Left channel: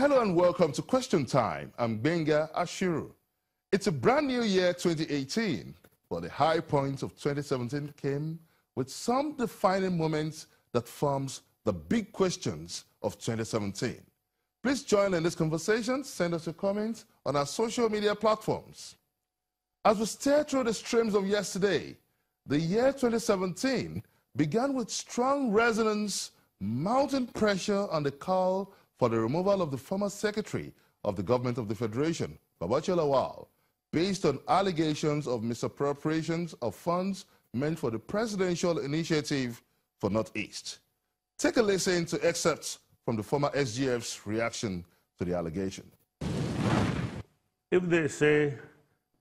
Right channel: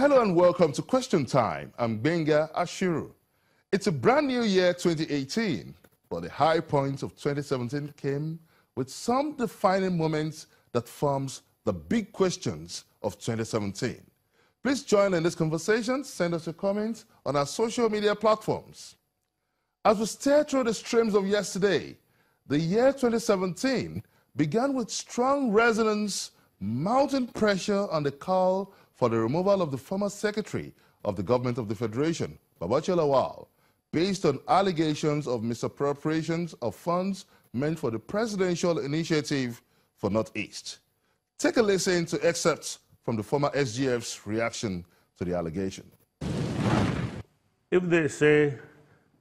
Hello and welcome to Question Time. I'm Benga Ashiru. It's a brand new year, 2018, but the high points of 2017 came with some defining moments that forms the big questions of 2017. Please join in this conversation. Send us your comments on our social media platforms. As we stare through the streams of yesterday, the year 2017 began with strong resonance, mounting pressure on the call for the removal of the former Secretary of the Government of the Federation, Babachir Lawal, based on allegations of misappropriations of funds meant for the Presidential Initiative for Northeast. Take a listen to excerpts from the former SGF's reaction to the allegation. If they say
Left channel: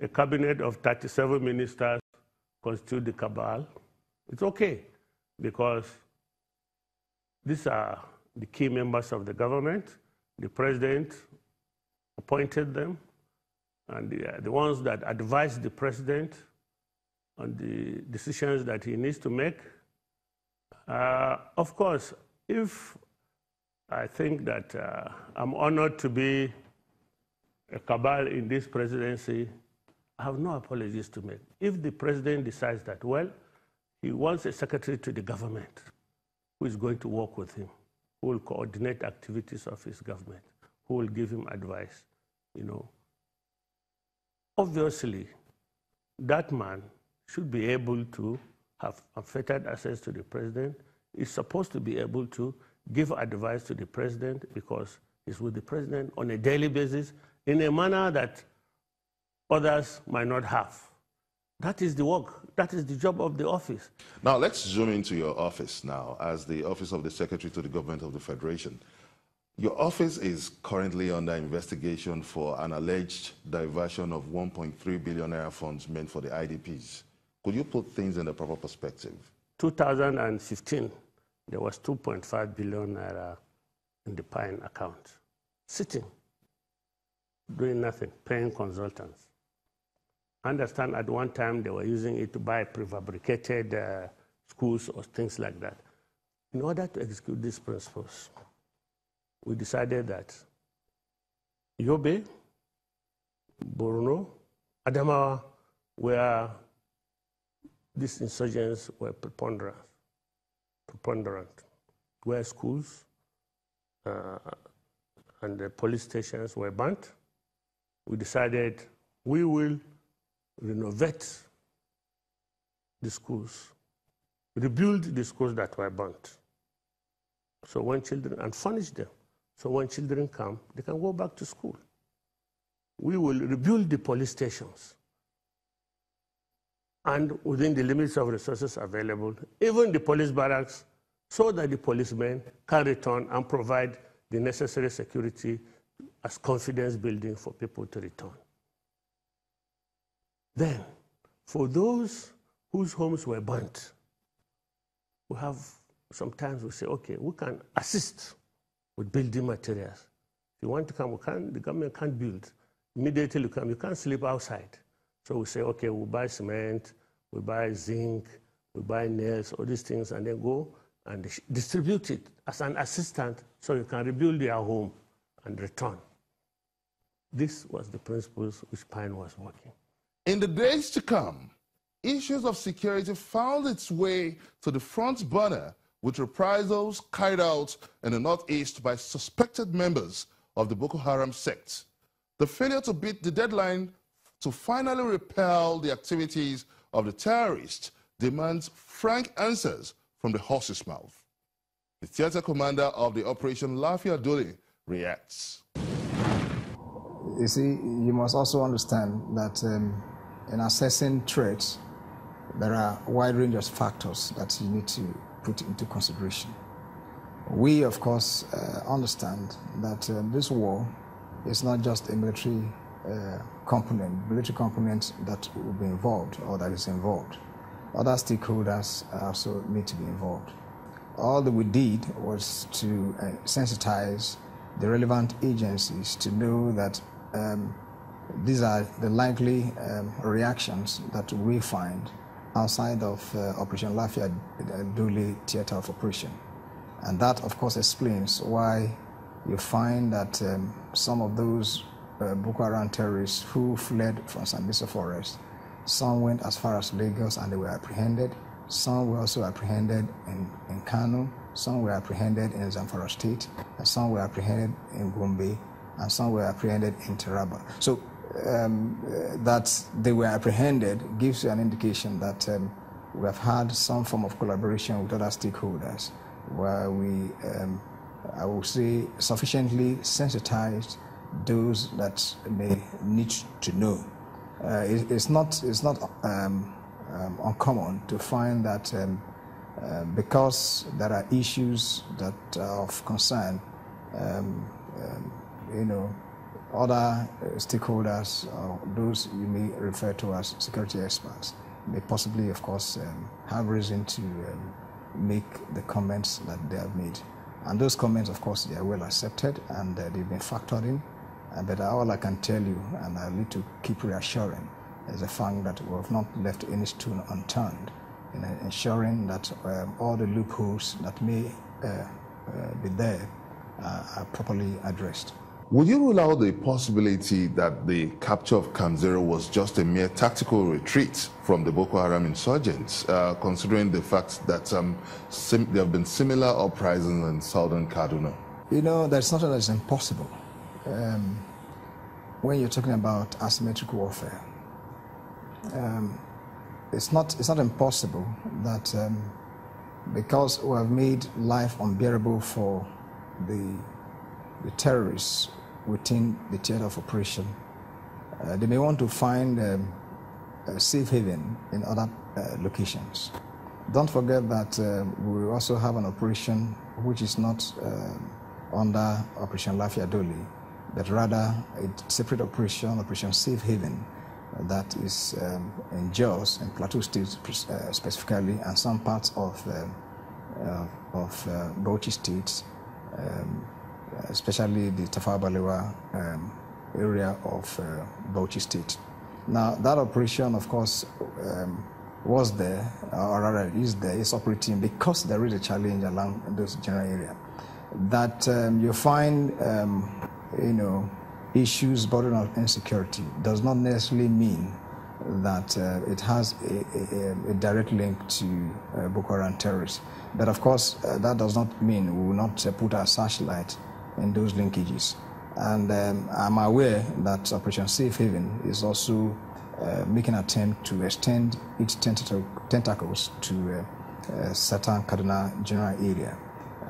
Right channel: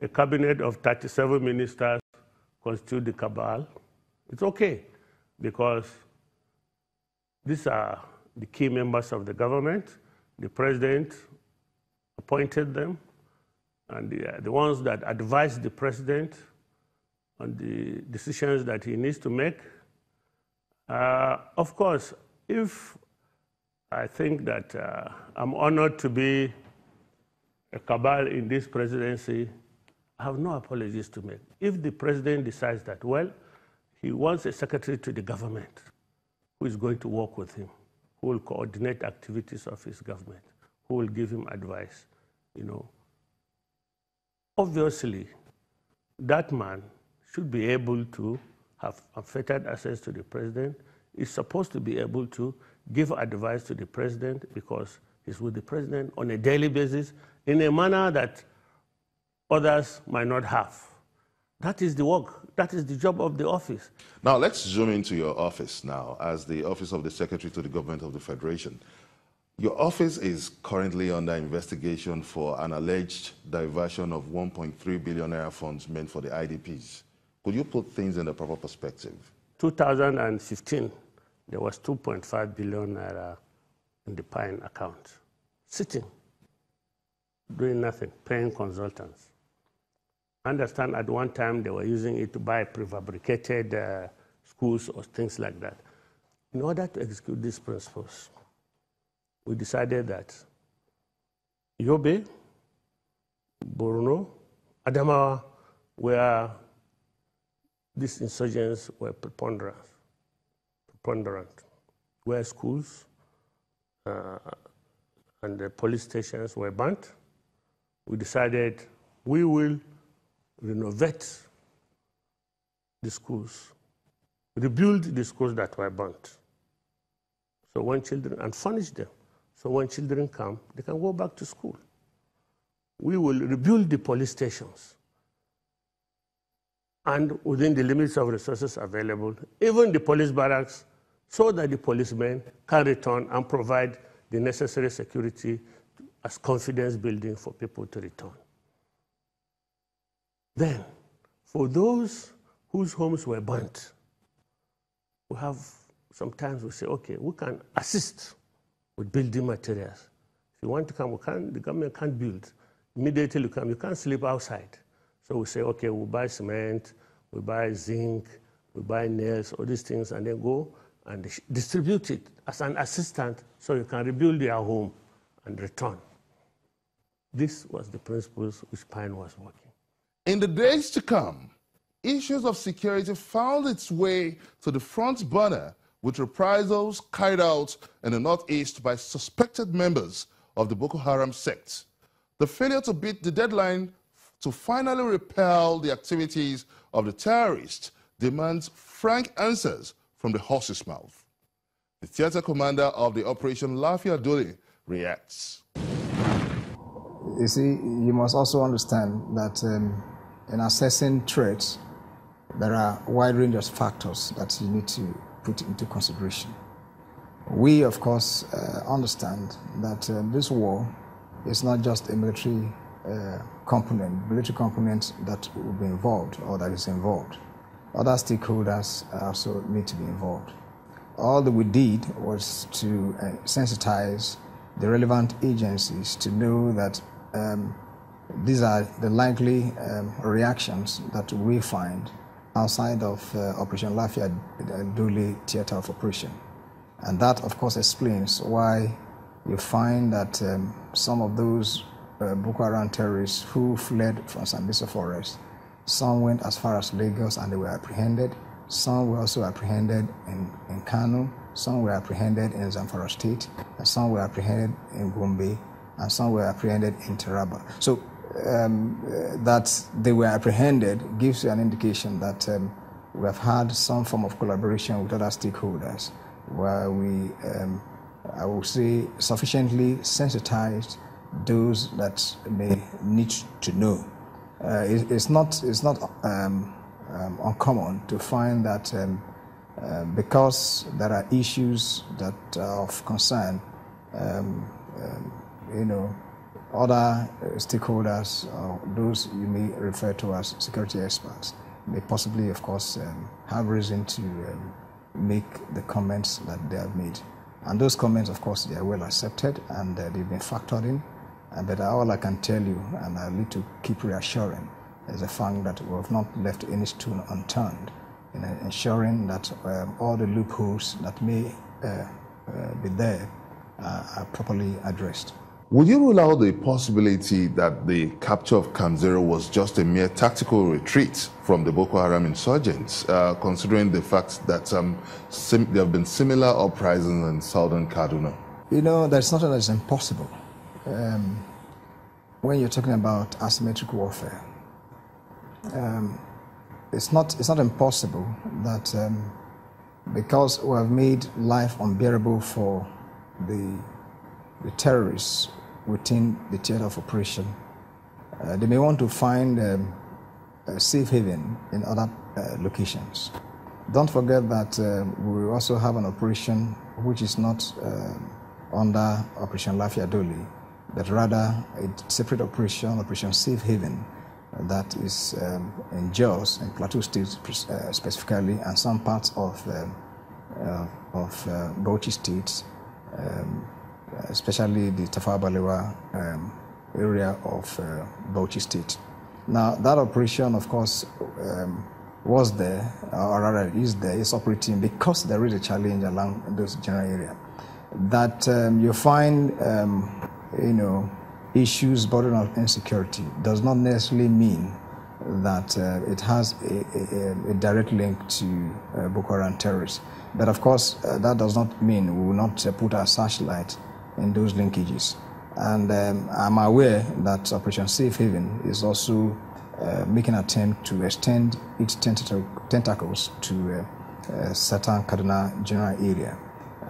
a cabinet of 37 ministers constitute the cabal, it's okay, because these are the key members of the government. The president appointed them, and the ones that advise the president on the decisions that he needs to make. Of course, if I think that I'm honored to be a cabal in this presidency, I have no apologies to make. If the president decides that, well, he wants a secretary to the government who is going to work with him, who will coordinate activities of his government, who will give him advice, Obviously, that man should be able to have unfettered access to the president. He's supposed to be able to give advice to the president because he's with the president on a daily basis in a manner that others might not have. That is the work. That is the job of the office. Now, let's zoom into your office now as the Office of the Secretary to the Government of the Federation. Your office is currently under investigation for an alleged diversion of 1.3 billion naira funds meant for the IDPs. Could you put things in the proper perspective? 2015, there was 2.5 billion naira in the Pine account, sitting, doing nothing, paying consultants. I understand at one time they were using it to buy prefabricated schools or things like that. In order to execute these principles, we decided that Yobe, Borno, Adamawa, where these insurgents were preponderant, where schools and the police stations were burnt, we decided we will renovate the schools, rebuild the schools that were burnt. So when children, and furnish them. So when children come, they can go back to school. We will rebuild the police stations. And within the limits of resources available, even the police barracks, so that the policemen can return and provide the necessary security as confidence building for people to return. Then, for those whose homes were burnt, sometimes we say, okay, we can assist with building materials. If you want to come, the government can't build. Immediately you come, you can't sleep outside. So we say, okay, we'll buy cement, we buy zinc, we buy nails, all these things, and then go and distribute it as an assistant so you can rebuild your home and return. This was the principles which Pine was working. In the days to come, issues of security found its way to the front burner with reprisals carried out in the Northeast by suspected members of the Boko Haram sect. The failure to beat the deadline to finally repel the activities of the terrorists demands frank answers from the horse's mouth. The theater commander of the Operation Lafia Dole reacts. You see, you must also understand that in assessing threats, there are a wide range of factors that you need to put into consideration. We, of course, understand that this war is not just a military component that will be involved or that is involved. Other stakeholders also need to be involved. All that we did was to sensitize the relevant agencies to know that these are the likely reactions that we find outside of Operation Lafia Dole theater of operation. And that, of course, explains why you find that some of those Boko Haram terrorists who fled from Sambisa Forest, some went as far as Lagos and they were apprehended. Some were also apprehended in Kano. Some were apprehended in Zamfara State. And some were apprehended in Gombe. And some were apprehended in Taraba. So that they were apprehended gives you an indication that we have had some form of collaboration with other stakeholders where we, I would say, sufficiently sensitized those that may need to know. It's not uncommon to find that because there are issues that are of concern, other stakeholders, those you may refer to as security experts, may possibly, of course, have reason to make the comments that they have made. And those comments, of course, they are well accepted and they've been factored in. But all I can tell you, and I need to keep reassuring, is the fact that we have not left any stone unturned in ensuring that all the loopholes that may be there are properly addressed. Would you rule out the possibility that the capture of Camp Zero was just a mere tactical retreat from the Boko Haram insurgents, considering the fact that there have been similar uprisings in southern Kaduna? There's nothing that's impossible. When you're talking about asymmetric warfare, it's not impossible that because we have made life unbearable for the terrorists within the theater of operation, they may want to find a safe haven in other locations. Don't forget that we also have an operation which is not under Operation Lafia Doli, but rather a separate operation, Operation Safe Haven, that is in Jos, in Plateau State specifically, and some parts of Bauchi State, especially the Tafawa Balewa area of Bauchi State. Now, that operation, of course, was there, or rather is there, is operating because there is a challenge along those general areas. That you find, issues bordering on insecurity does not necessarily mean that it has a direct link to Boko Haram terrorists. But of course, that does not mean we will not put our searchlight in those linkages. And I'm aware that Operation Safe Haven is also making an attempt to extend its tentacles to certain Kaduna general area.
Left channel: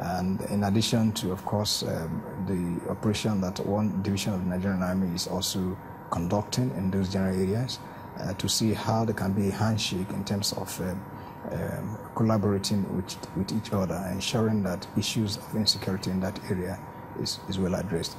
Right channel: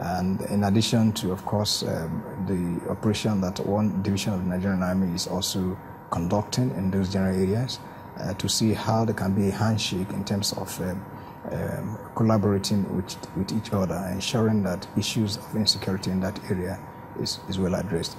And in addition to, of course, the operation that one division of the Nigerian Army is also conducting in those general areas to see how there can be a handshake in terms of collaborating with each other, ensuring that issues of insecurity in that area is well addressed.